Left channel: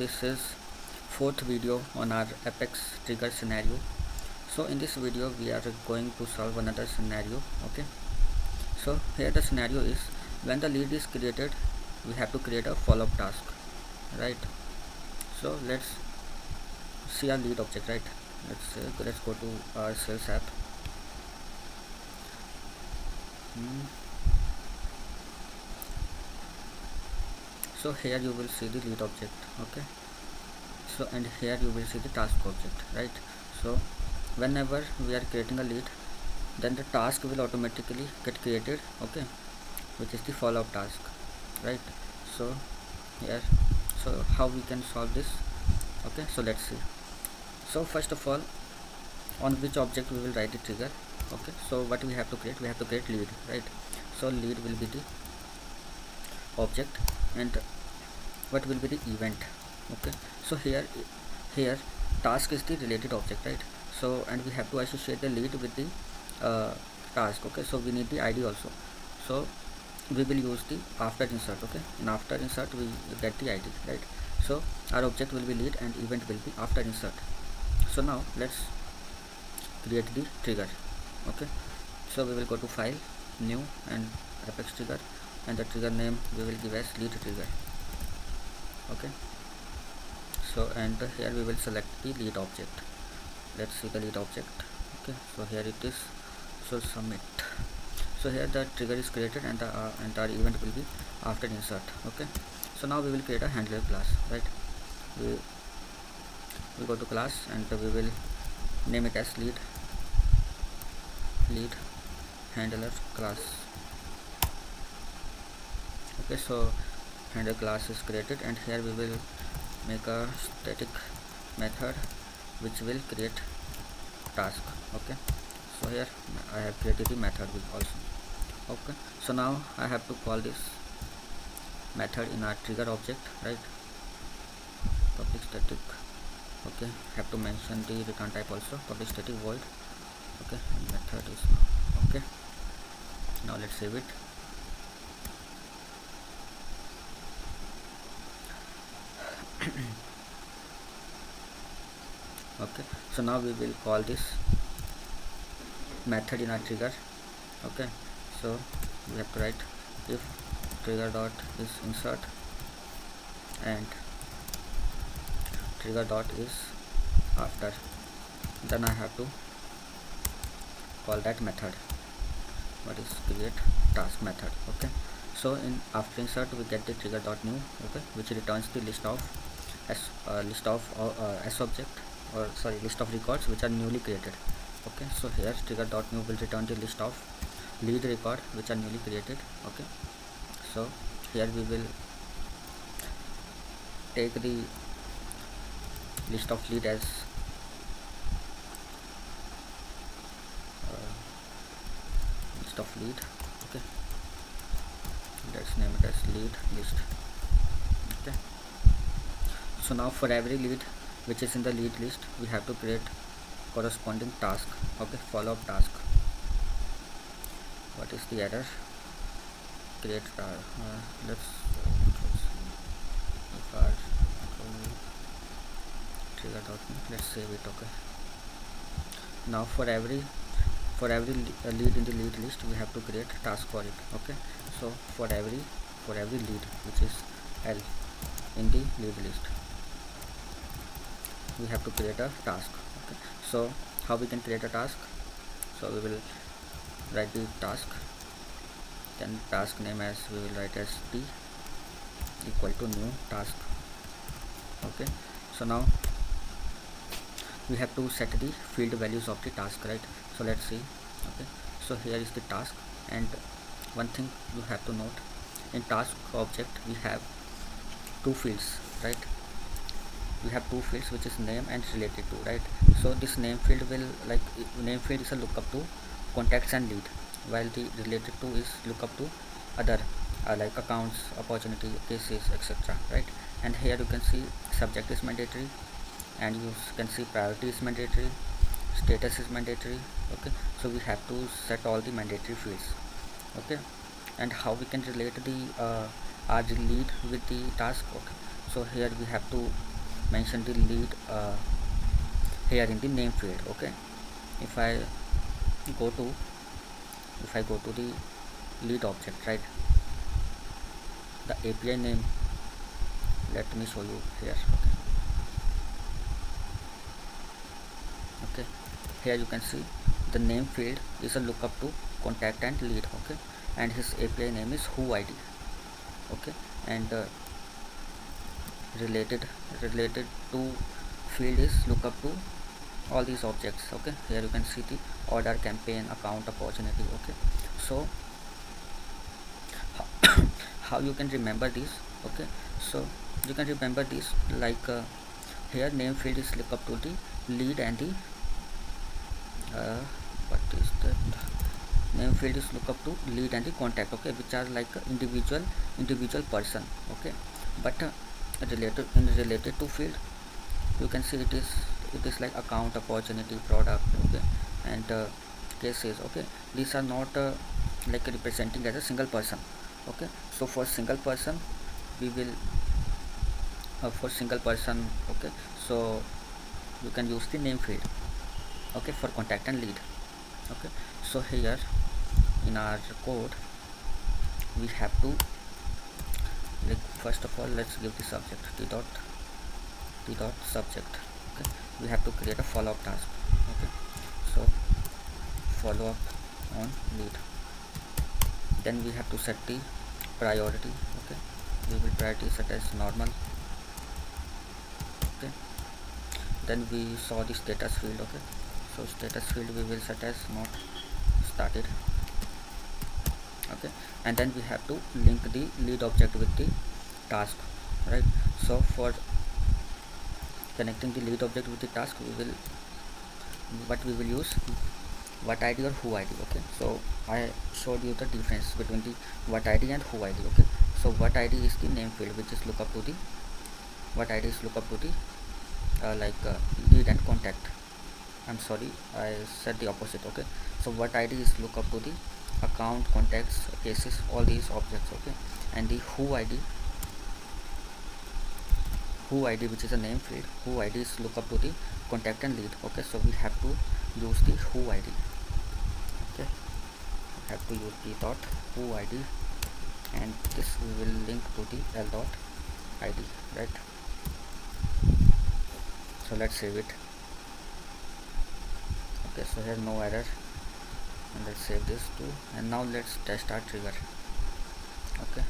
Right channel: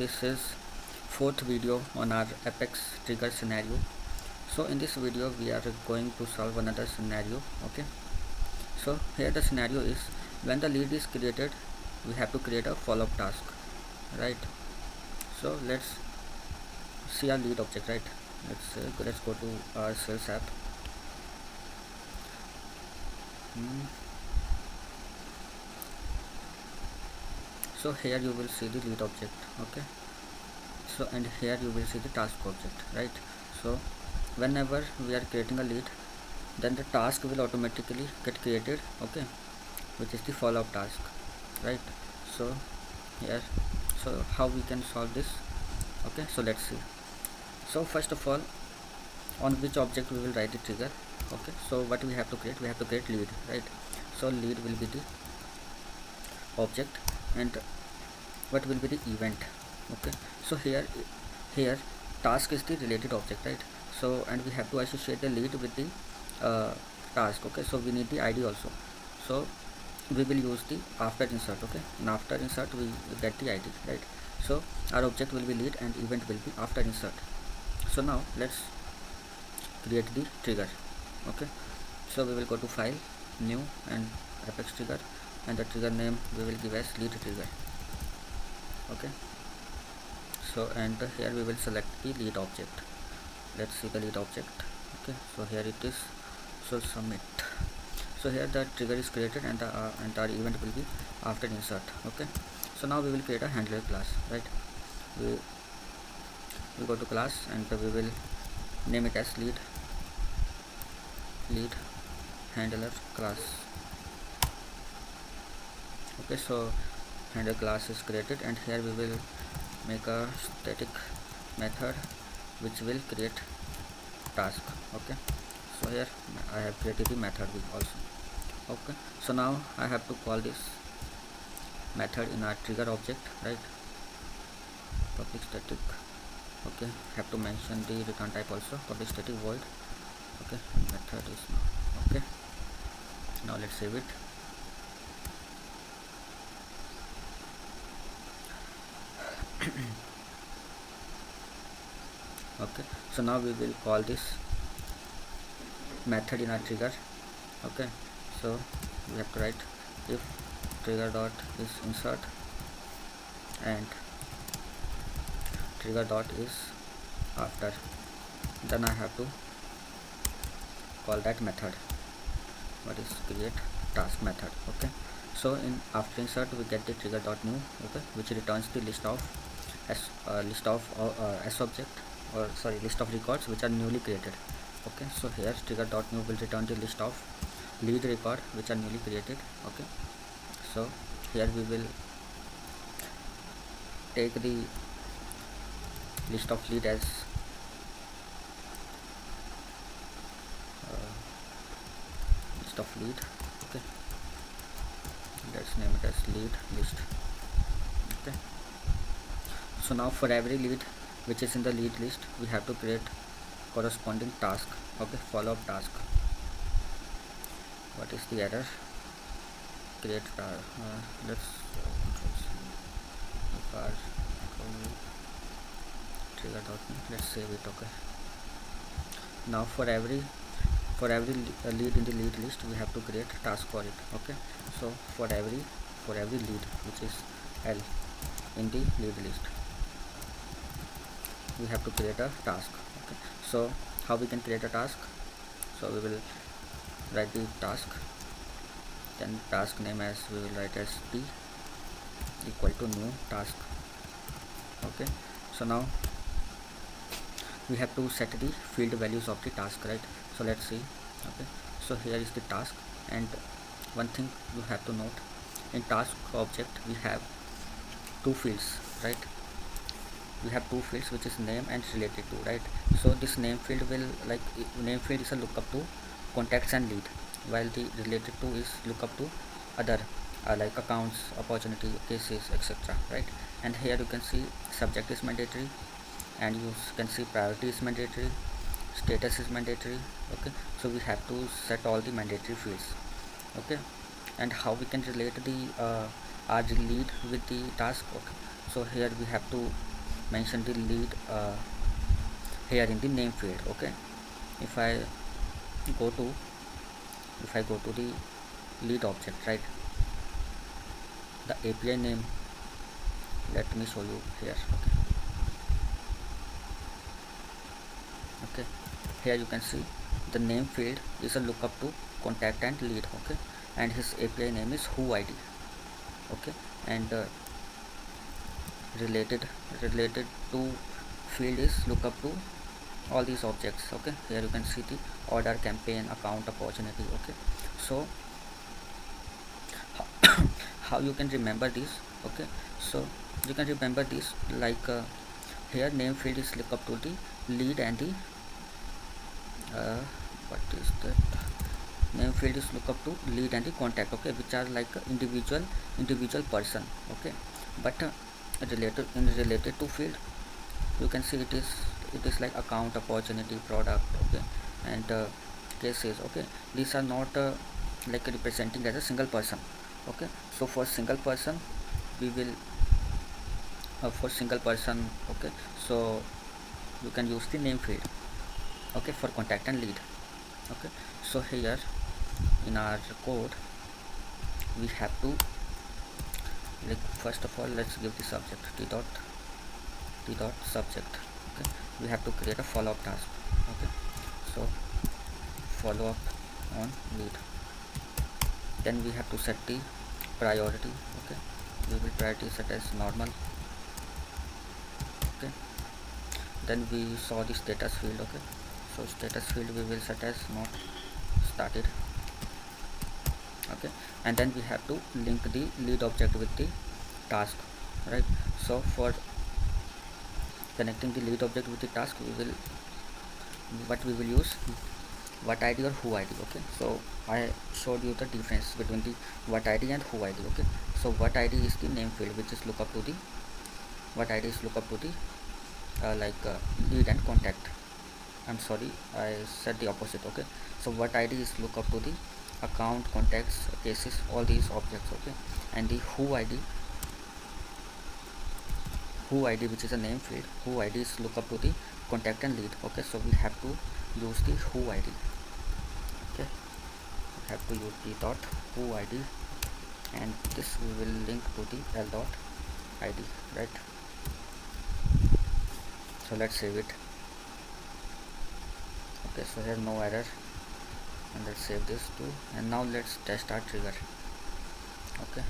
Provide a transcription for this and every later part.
this is fourth video on our Apex Trigger scenario. So in this video we are going to solve another scenario. Okay, so here the scenario is when the lead is created, we have to create a follow-up task, right? So let's see our lead object, right? Let's go to our sales app. So here you will see the lead object. Okay, so and here you will see the task object, right? So whenever we are creating a lead, then the task will automatically get created, okay, which is the follow-up task, right? So here, so how we can solve this? Okay, so let's see. So first of all, on which object we will write the trigger? Okay, so what we have to create? We have to create lead, right? So lead will be the object, and what will be the event? Okay, so here task is the related object, right? So and we have to associate the lead with the task. Okay, so we need the ID also, so we will use the after insert. Okay, and after insert we get the ID, right? So our object will be lead and event will be after insert. So now let's create the trigger. Okay, so we will go to file, new, and Apex Trigger, and the trigger name we will give as lead trigger. Okay, so and here we will select the lead object. Let's see the lead object. Okay, so here it is. So submit. So here the trigger is created and the entire event will be after insert. Okay, so now we will create a handler class, right? We go to class and we will name it as lead handler class. Okay, so handler class is created, and here we will make a static method which will create task. Okay, so here I have created the method also. Okay, so now I have to call this method in our trigger object, right? Public static. Okay, have to mention the return type also, public static void. Okay, and method is now. Okay, now let's save it. Okay, so now we will call this method in our trigger. Okay, so we have to write if trigger dot is insert and trigger dot is after, then I have to call that method, what is create task method. Okay, so in after insert we get the trigger.new, okay, which returns the list of list of records which are newly created. Okay, so here trigger.new will return the list of lead record which are newly created. Okay, so here we will take the list of lead as list of lead. Okay, let's name it as lead list. Okay, so now for every lead which is in the lead list, we have to create corresponding task. Okay, follow-up task. What is the error? Create let's trigger.new, let's save it. Okay, now for every lead in the lead list, we have to create task for it. Okay, so for every lead which is L in the lead list, we have to create a task. Okay, so how we can create a task? So we will write the task, then task name as we will write as T equal to new task. Okay, so now we have to set the field values of the task, right? So let's see. Okay, so here is the task, and one thing you have to note, in task object we have two fields, right? We have two fields which is name and related to, right? So this name field will name field is a lookup to contacts and lead, while the related to is lookup to other like accounts, opportunity, cases, etc., right? And here you can see subject is mandatory, and you can see priority is mandatory, status is mandatory. Okay, so we have to set all the mandatory fields. Okay, and how we can relate the our lead with the task? Okay, so here we have to mention the lead here in the name field. Okay, if I go to the lead object, right, the API name, let me show you here. Okay, here you can see the name field is a lookup to contact and lead. Okay, and his API name is who ID. Okay, and related to field is lookup to all these objects. Okay, here you can see the order, campaign, account, opportunity. Okay, so how you can remember this? Okay, so you can remember this like here name field is lookup to the lead and the what is that, name field is lookup to lead and the contact. Okay, which are like individual person. Okay, but related to field, you can see it is like account, opportunity, product. Okay, and cases. Okay, these are not like representing as a single person. Okay, so for single person we will okay, so you can use the name field, okay, for contact and lead. Okay, so here in our code we have to, like, first of all let's give the subject t dot subject. Okay, we have to create a follow-up task. Okay, so follow up on lead, then we have to set the priority. Okay, we will priority set as normal. Okay, then we saw the status field. Okay, so status field we will set as not started. Okay, and then we have to link the lead object with the task, right? So for connecting the lead object with the task, we will use what ID or who ID. Okay, so I showed you the difference between the what ID and who ID. Okay, so what ID is the name field, which is look up to the what ID is look up to the lead and contact. I'm sorry, I said the opposite. Okay, so what ID is look up to the account, contacts, cases, all these objects. Okay, and the who ID which is a name field, who ID is look up to the contact and lead. Okay, so we have to use the who ID. Okay, we have to use the dot who ID, and this we will link to the l dot ID, right? So let's save it. Okay, so here no error, and let's save this too, and now let's test our trigger. Okay,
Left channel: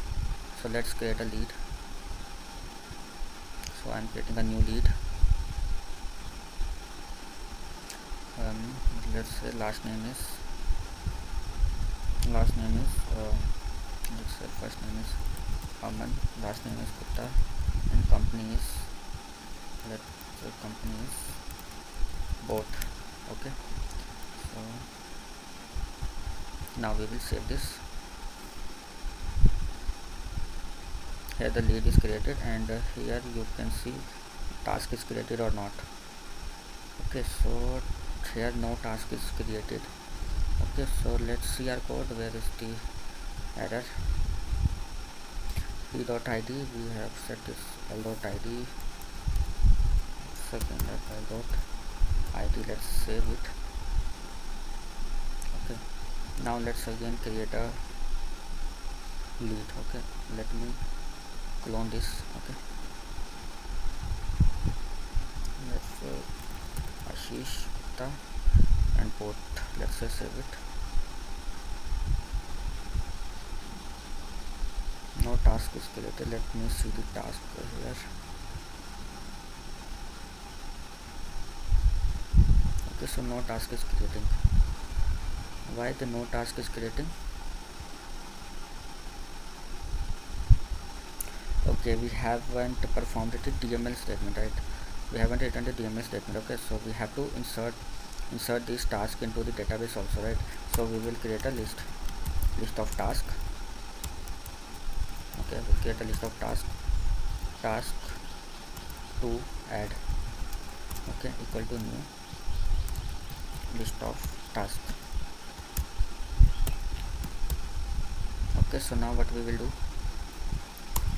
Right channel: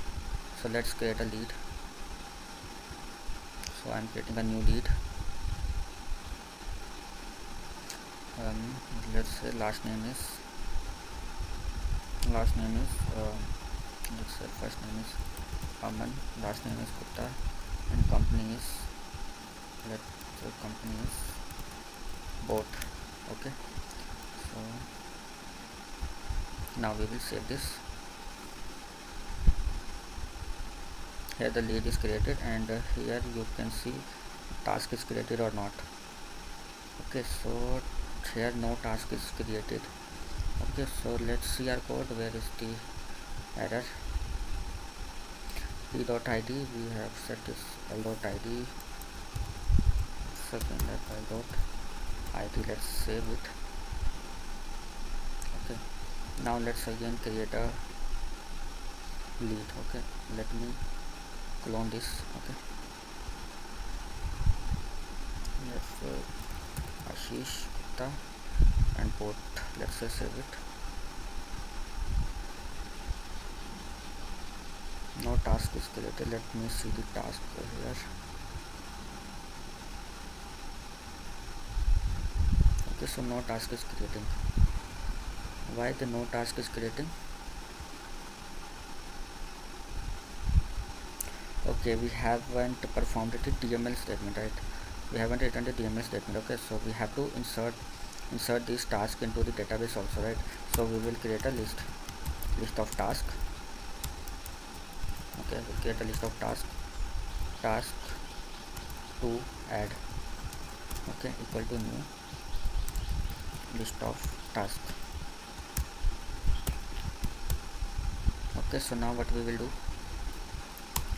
so let's create a lead. So I'm creating a new lead. Let's say last name is let's say first name is Aman, last name is Gupta, and company is both. Okay, so now we will save this. Here the lead is created, and here you can see task is created or not. Okay, so here no task is created. Okay, so let's see our code. Where is the error? p.id, we have set this l.id, second l.id, let's save it. Okay, now let's again create a lead. Okay, let me clone this. Okay, let's Ashish Gupta and both, let's say save it. No task is created. Let me see the task here. Okay, so no task is creating. Why the no task is creating? Okay, we haven't performed the DML statement, right? We haven't written the DML statement. Okay, so we have to insert this task into the database also, right? So we will create a list of task. Okay, we create a list of task to add. Okay, equal to new list of task. Okay, so now what we will do,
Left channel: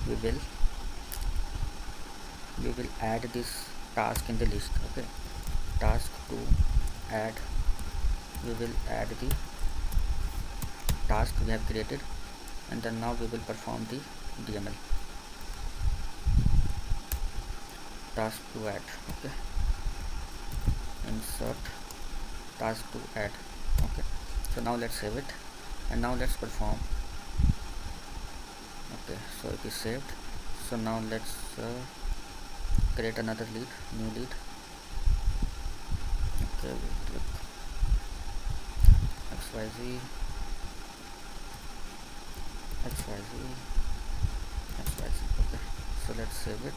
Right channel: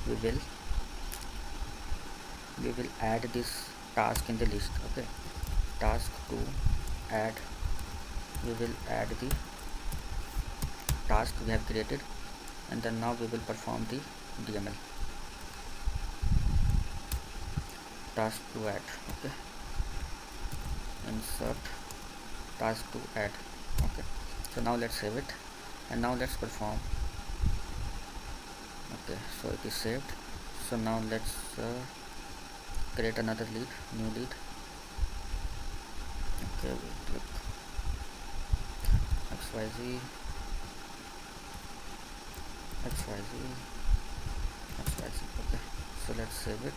we will we will add this task in the list. Okay, task to add, we will add the task we have created, and then now we will perform the DML, task to add. Okay, insert task to add. Okay, so now let's save it, and now let's perform. Okay, so it is saved. So now let's create another lead, new lead. Okay, we click XYZ, XYZ, XYZ. Okay, so let's save it,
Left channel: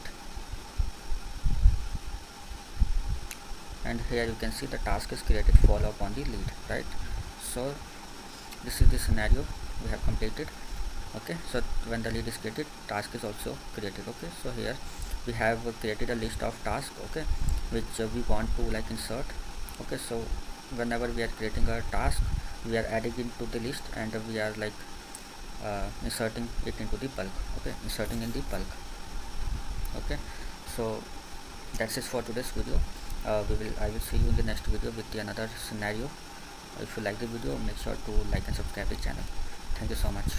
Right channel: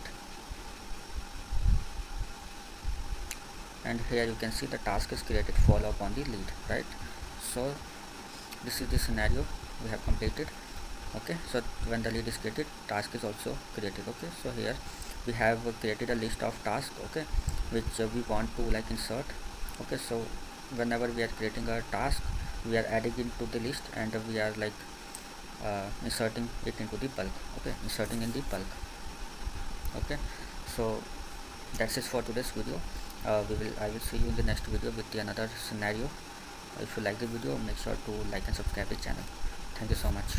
and here you can see the task is created, follow up on the lead, right? So this is the scenario we have completed. Okay, so when the lead is created, task is also created. Okay, so here we have created a list of tasks, okay, which we want to like insert. Okay, so whenever we are creating a task, we are adding it to the list, and we are like inserting it into the bulk. Okay, inserting in the bulk. Okay, so that's it for today's video. I will see you in the next video with the another scenario. If you like the video, make sure to like and subscribe the channel. Thank you so much.